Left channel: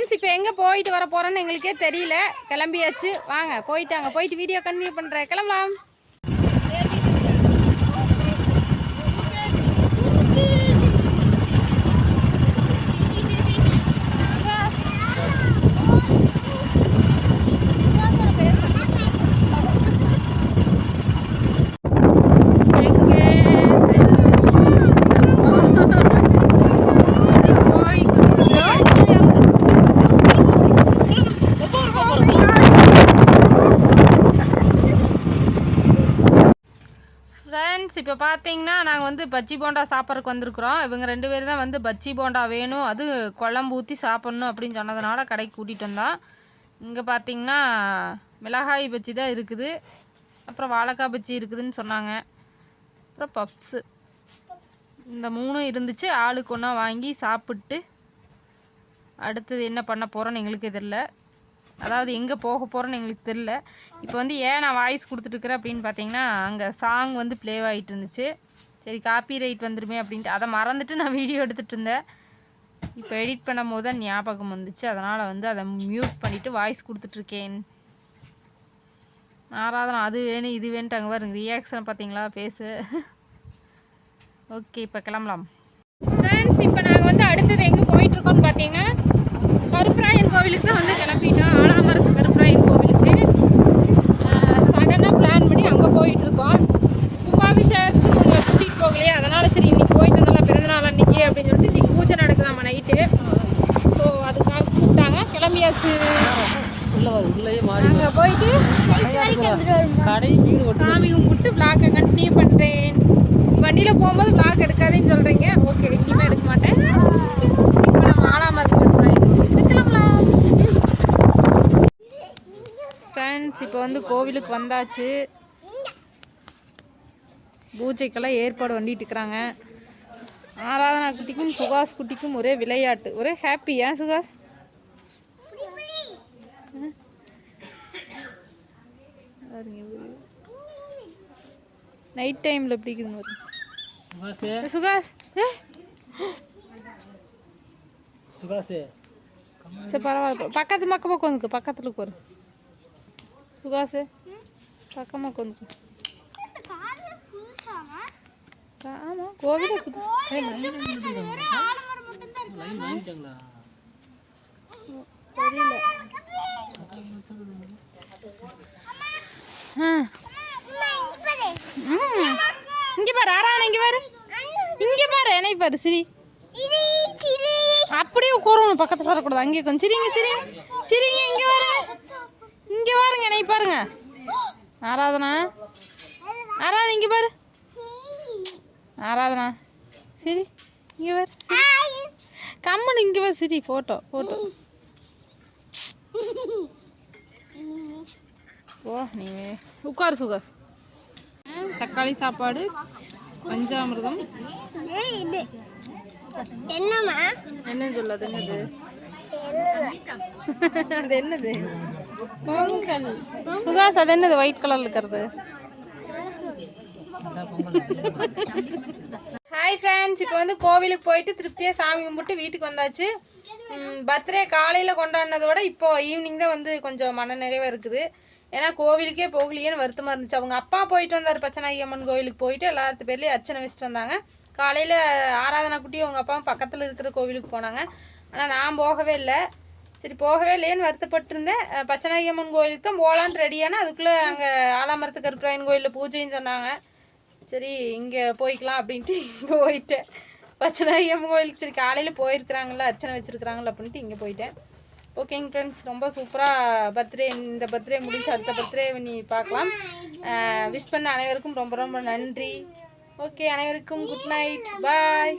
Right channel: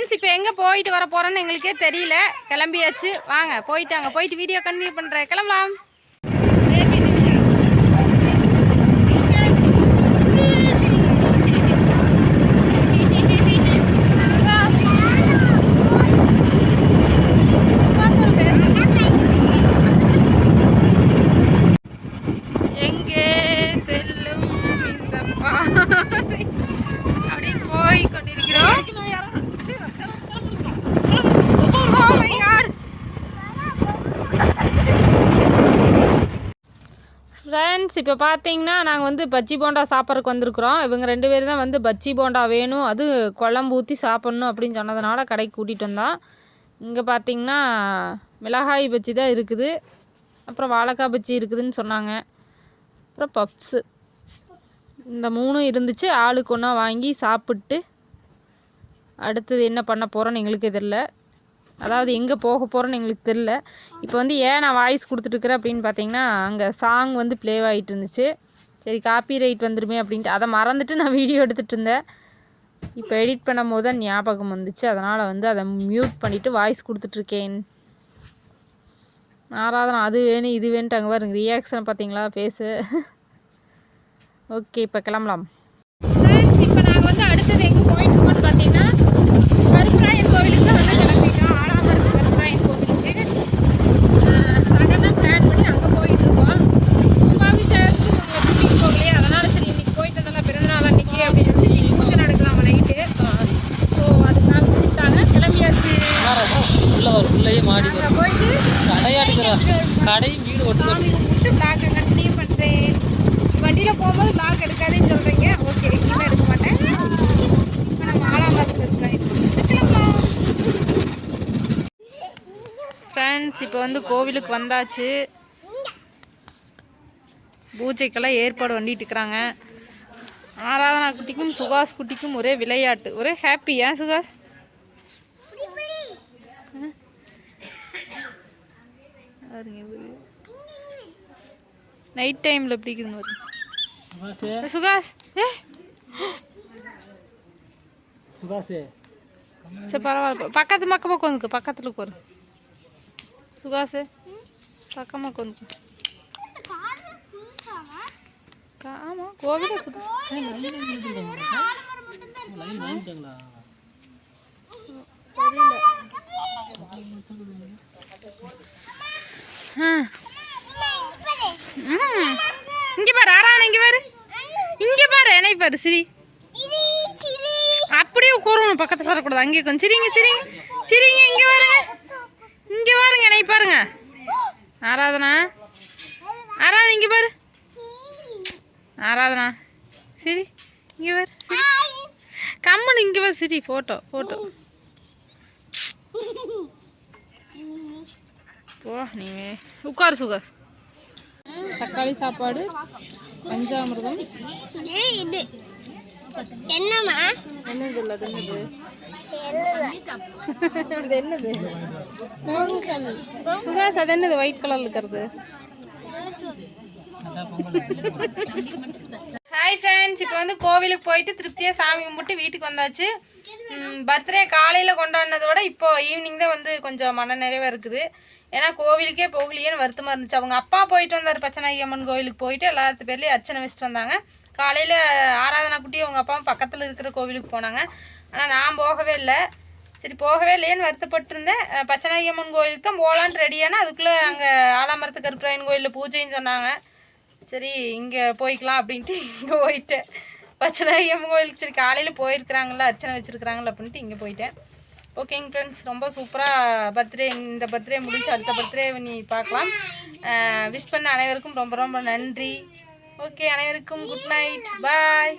Friends இப்போ எங்கே போயிட்டு வர போகிறோன்னு எங்களுக்கே தெரியல. கிளம்பியாச்சு. வாங்க போயிட்டு அங்கே போயிட்டு வீடியோ கண்டினியூ பண்ணுறேன் கிளம்பலாம் எங்கே செல்லும் இந்த பாதை? அப்படி போய் கொண்டிருக்கிறோம் Oh my God. ஃப்ரெண்ட்ஸ் இப்போ பார்த்தீங்கன்னா நாங்கள் வந்து பஜ்ஜி போண்டா சாப்பிட்றதுக்கு வந்திருக்கிறோம். இவங்க ரெண்டு பேரும் தான் வந்து பஜ்ஜி போண்டா வேணும் அது குழம்பு ஊற்றி சாப்பிட்ணும் அப்படின்னு சொன்னதுனால கடைக்கு கூட்டிகிட்டு வந்தோம். இங்கே பார்த்தீங்கன்னா மிளகாய் பஜ்ஜி தான் இருக்குது. அப்புறம் வாழைக்காய் பஜ்ஜி இருக்குதுன்னு சொன்னாங்க. அப்புறம் பப்ஸு. இந்த மூணும் இருந்துச்சு. ஆளுக்கு ஒன்றா வாங்கி சாப்பிட்டு அடுத்தது என்ன பண்ண போகிறோன்னு எங்களுக்கு தெரில அதாவது எங்கே போக போகிறோன்னு எங்களுக்கு தெரில இப்போ வந்து ஏன் நான் வாய்ஸ் கொடுத்துட்ருக்குறேன் அப்படின்னு பார்த்தீங்கன்னா அங்கே சாங் வந்து ப்ளே ஆகிட்டு இருந்துச்சு. சரி காப்பி ரைட் வந்துருமே அப்படின்ட்டு. அதை மறந்துட்டு நான் வீடியோ எடுத்துகிட்டு இருந்தேன். இப்போ எடிட் பண்ணும் போது தான் ஞாபகம் வந்துச்சு. அதனால் வந்து அதை மியூட் பண்ணிவிட்டு வாய்ஸ் கொடுத்துட்ருக்கேன் ஆராதனா அது வேணும் இது வேணுட்டு அங்கே பாருங்க. ரியாக்ஷன் பார்த்தீங்களா பேசு ஓகே இப்போ கிளம்பலாம். ஃப்ரெண்ட்ஸ் இப்போ நாங்கள் வந்து அடுத்தது எங்கே போயிட்டுருக்கோம்னு பார்த்தீங்கன்னா கருப்பராயன் கோவிலுக்கு தான் வந்து கிளம்பி ஆலாமரத்து கருப்பராயன் கோவிலுக்கு சடனாக பிளான் பண்ணி அங்கே போயிட்டுருக்கோம் கும்பாபிஷேகத்துக்கு உங்களை கூட்டிகிட்டு போகலையே அதனால் சரி இன்னைக்கு போயிட்டு வந்தலாம் அன்னைக்கு அப்படின்னு சொல்லிட்டு இன்னைக்கு பூஜை நடக்குதாம்மா நைட்டு ஸோ அதுக்காக கூப்பிட்டாங்க. கிளம்பியாச்சு. உள்ள வரும் மாடி அங்கே போயிட்டு கடையாடுக்கிறா கடை வீடு ஒட்டு சாமி கும்பிட்டு விளாக்கை கண்டினியூ பண்ணுறேன் வண்டியில் போகும்போது விளாக் எடுக்காதேன்னு சொல்கிறீங்க ஓகே எங்கேயுமே எடுக்க மாட்டேன். இப்போ நம்ம ஆலாமரத்துக்கு கிளம்பலாம். ஃப்ரெண்ட்ஸ் இப்போ வந்து கோவிலுக்கு வந்தாச்சு. பூஜைக்கெல்லாம் ஏற்பாடு பண்ணிட்டு இருக்கிறாங்க. ஆராதனா குட்டிக்கும் சுகாஸ் குட்டிக்கும் ஒரே விளையாட்டு. ஒரே ஹாப்பி ஏன் சுகாஸ் நைட் டைமில் பாருங்க. சுகாசே சுகாஸ் சுகாசே சரி பரவாயில்ல. பக்கத்து பக்கம் உட்காந்துக்கு பக்கத்தில் உட்காரு. சுகாசு பக்கமாக உட்காந்துக்கு. கோவிலே. இங்க பாரு ஆறான இங்க பாரு. இங்க பாரு என்னை பாரு சிரி. அப்படியே உட்காரணும் பக்கத்துல வரக்கூடாது. அங்கே கொஞ்சம் சிரிங்க சிரிங்க. சிரிங்க இங்க பாருங்க இங்க பாருங்க என்னை பாருங்க. ஆராதனா ஆராதனா இங்க பாரு. ஆராதனா? சரி இங்க பாரு சிரி. கம்முன்னு இங்க பாரு சிரி போட்டோ போட்டோ. போ நீ உட்காரு சுகர். தக்காளி சாப்பாடு பஞ்சாமிர்தம். என்னம்மா? என்ன சொல்ல அது என்னது? அது என்னது? சுகாஸ் அது என்னது? ஒயிட் கலர்ல இருக்கிறது. ஹாய் ஃப்ரெண்ட்ஸ் இப்போ வந்து கோவிலுக்கு போயிட்டு திருப்தியாக சாமி கும்பிட்டு வீட்டுக்கு வந்தாச்சு. பர்த்டே காலையில் கொண்டாடினதோட இப்போ ஈவினிங் தான் வந்து கொஞ்சம் மன நிறைவாக இருக்குது. ஏன்னா கோவிலுக்கே போகலையேன்னு வருத்தமாக இருந்துச்சு. அவங்க அப்பா போயிட்டு வந்தார் பச்சனாகி அம்மன் கோவிலுக்கு போயிட்டு எல்லாத்து பேர்லேயும் அர்ச்சனை வச்சுட்டு வந்தாங்க. காலையில் ஆராதனா குட்டி அவங்க அப்பாவும் பக்கத்தில் இருக்கிற கோவிலுக்கு போனாங்க. ஆனால் நான் போகவே இல்லை. சரி போகவே இல்லையேன்னு வருத்தப்பட்டிருந்தேன். பச்சனாகி அம்மன் கோவிலுக்கு தான் போகலான்ட்டு ரெடியானா அதுக்குள்ளே அங்கே ஆலாமரத்து கருப்பராயன் கோயிலில் பூஜைன்னு சொன்னாங்க. சரி இங்கே போய்க்கலாம் அப்படின்ட்டு இங்கே போயிட்டேன். பச்சனாகி அம்மன் கோயிலுக்கு சரி காலையில் போயிருக்கிறாங்கள அர்ச்சனை வச்சுருக்கிறாங்களா அப்படின்ட்டு இங்கே போயிட்டேன். ஓகேங்க ஃப்ரெண்ட்ஸ் ரொம்ப சூப்பராக பர்த்டே இந்த பர்த்டே முடிஞ்சு அடுத்த பர்த்டே நீ பார்க்கலாம். விஷ் பண்ண அனைவருக்கும் ரொம்ப ரொம்ப நன்றி. ஓகே அனைவருக்கும் குட் நைட் பாய்